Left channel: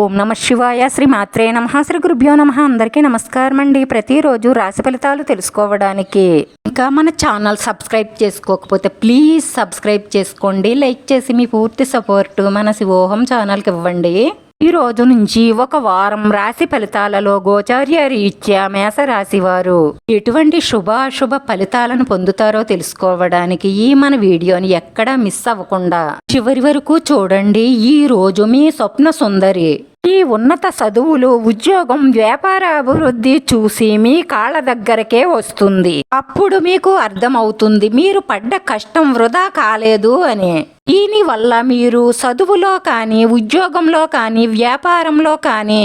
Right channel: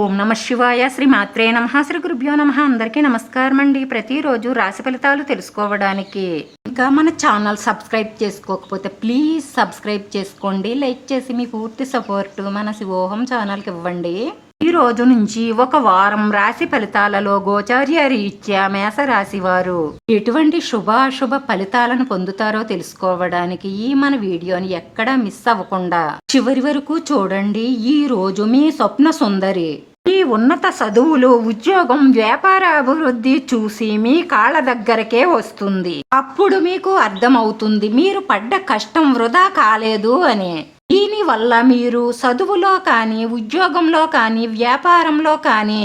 ఓం నమ శివాయ శ్రీ మాత్రే నమ. శ్రీ గురుభ్యో నమ. అందరికీ నమస్కారం అండి ప్రతిరోజు రాశి ఫలితాలు తెలుసుకోవడానికి. ఇంకా మన ఛానల్ సబ్స్క్రైబ్ చేసుకోకపోతే ప్లీజ్ సబ్స్క్రైబ్ చేసుకోండి. లైక్ చేసి మీ పూర్తి సపోర్టు మన శివోహం ఛానల్కి ఇవ్వండి. ఈ రోజు నుంచి ఒక వారం రాశి ఫలితాలలో గోచార్య రీత్యా మేష వారు ఎటువంటి శుభ అశుభ ఫలితాలను పొందుతారో తెలుసుకోవడానికి ఈ మన వీడియోని ఎక్కడా మిస్ అవ్వకుండా చివరి వరకు చూడండి. ఈ రోజు మీ స్వప్న సుందరి. ఈ ఉన్నత చదువులు ఉద్యోగం వ్యాపార అభివృద్ధి చూసి మీ కాళ్ళ దగ్గరకే వస్తుంది. అప్పుడు మీకు అర్థమవుతుంది మీరు పడ్డ కష్టం వృధా కాలేదు అని. దీని వల్ల మీరు చదువులో కానీ ఉద్యోగంలో కానీ వ్యాపారంలో కానీ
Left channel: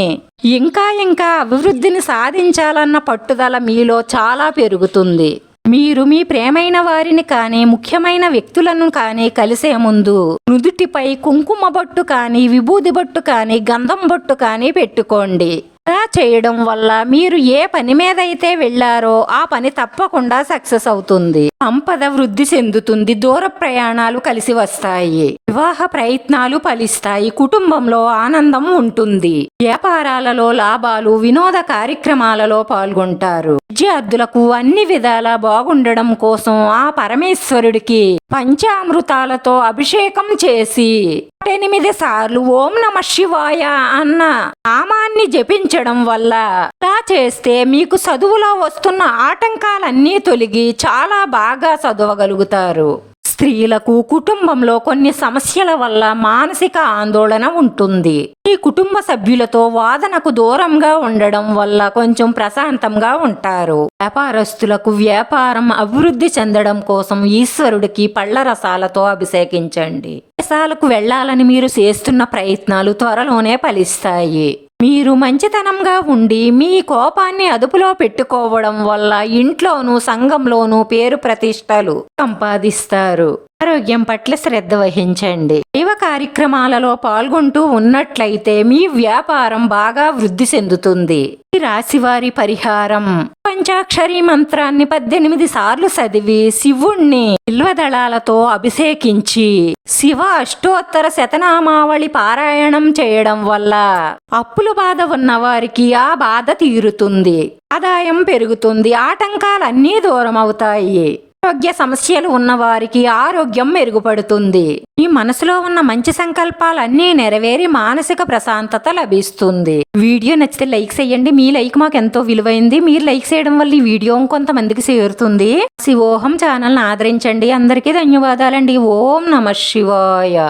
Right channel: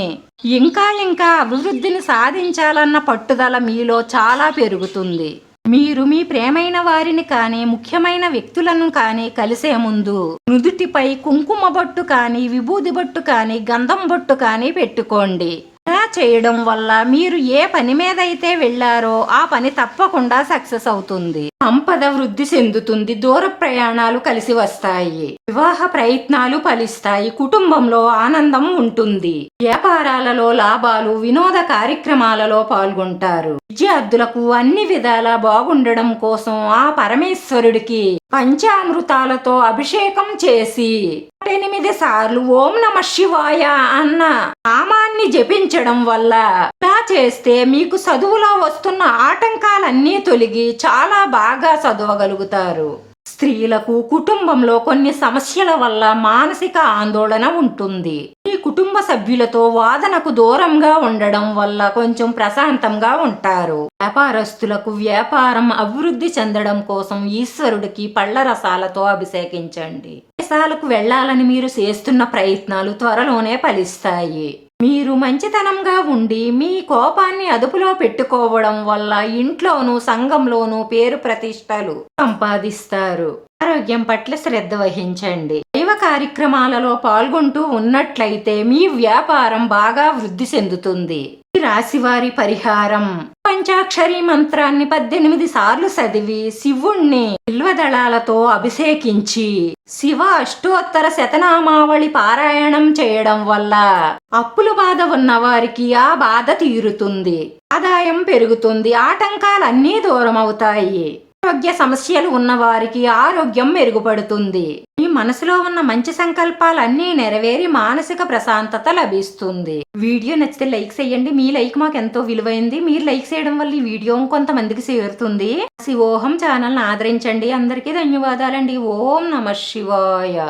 ఇంకా ఇంకా అభివృద్ధిని సాధించాలన్న పట్టుదల మీలో చాలా పెరుగుతుంది. మీరు మీ ప్రేమైన వారిని కానీ ముఖ్యమైన వ్యక్తులను కానీ కలిసే ముందు నుదుటిపై కుంకుమ బొట్టు కానీ విభూది బొట్టు కానీ గంధం బొట్టు కానీ పెట్టుకోండి. చేయడం వల్ల మీరు ఏ పని మీద అయితే వెళ్ళారో ఆ పని తప్పకుండా సక్సెస్ అవుతుంది. సంపద వృద్ధి చెందుతుంది దూర ప్రయాణాలు కలిసి వస్తాయి వివాహ ప్రయత్నాలు ఫలిస్తాయి కుటుంబంలో ఆనందం ఉంటుంది. వ్యాపారాలలో లాభాలు వినోద కార్యక్రమాలలో పాల్గొంటారు. విద్యార్థులకు అన్ని విధాలా బాగుండడం కోసం ఆ పరమేశ్వరుడికి పంచామృతాలతో అభిషేకం చేసి ఎనిమిది సార్లు ఓం నమ శివాయ అన్న నామాన్ని జపించడం వల్ల ఇలా చేస్తే మీకు చదువులో వస్తున్న ఆటంకాలన్నీ తొలగి చాలా బాగా చదవగలుగుతారు. స్త్రీలకు కుటుంబంలో కొన్ని సమస్యల వల్ల మానసిక ఆందోళన ఉంటుంది. మీ కుటుంబ సభ్యులతో వాదనకు దూరంగా ఉండడం వల్ల కొంచెం ప్రశాంతంగా ఉంటారు. వ్యాపారస్తులకు వ్యాపారం అభివృద్ధి చెందడం కోసం ఈశ్వరుడికి పళ్ళ రసాలతో అభిషేకించండి. దేశాలకు వెళ్ళాలని మీరు చేస్తున్న ప్రయత్నాలు త్వరలోనే ఫలిస్తాయి. మీరు మంచితనంగా ఉండి మీ కోపాన్ని అదుపులో పెట్టుకోవడం వల్ల ఇంట్లోనూ సంఘంలోనూ పేరు ప్రతిష్టలు సంపాదిస్తారు. ఆరోగ్యం పట్ల శ్రద్ధ వహించండి. దైవ కార్యక్రమాలలో పాల్గొంటూ ఉన్నట్లయితే మీ వ్యాపారం బాగా వృద్ధి చెందుతుంది. ఈ రాశివారి పరిహారం. పంచాక్షరి మంత్రాన్ని పద్దెనిమిది సార్లు చదివి శివుణ్ణి బిల్వదళాలతో అభిషేకించి శివ అష్టోత్తర శతనామావళి పారాయణం చేయడం వల్ల అప్పుల బాధ ఉన్న వారికి ఆ బాధ తీరుతుంది. ఆదాయం పెరుగుతుంది. ఆటంకాలన్నీ దూరం అవుతాయి ఆరోగ్య సమస్యలు ఉన్న వారికి ఆరోగ్యం మెరుగుపడుతుంది. మీ మనసులో ఉన్న మంచి సంకల్పాలన్నీ నెరవేరి మానసిక ప్రశాంతత లభిస్తుంది. వీడియో నచ్చితే లైక్ చేయండి. మీ లైక్ మాకు ఎంతో విలువైంది. మీరు లైక్ చేయడం వల్ల ఈ వీడియో కొంతమందికి చేరుతుంది. శివోహం ఛానల్ని ఆదరించండి. అందరికీ ధన్యవాదాలండి. ఓం నమ శివాయ.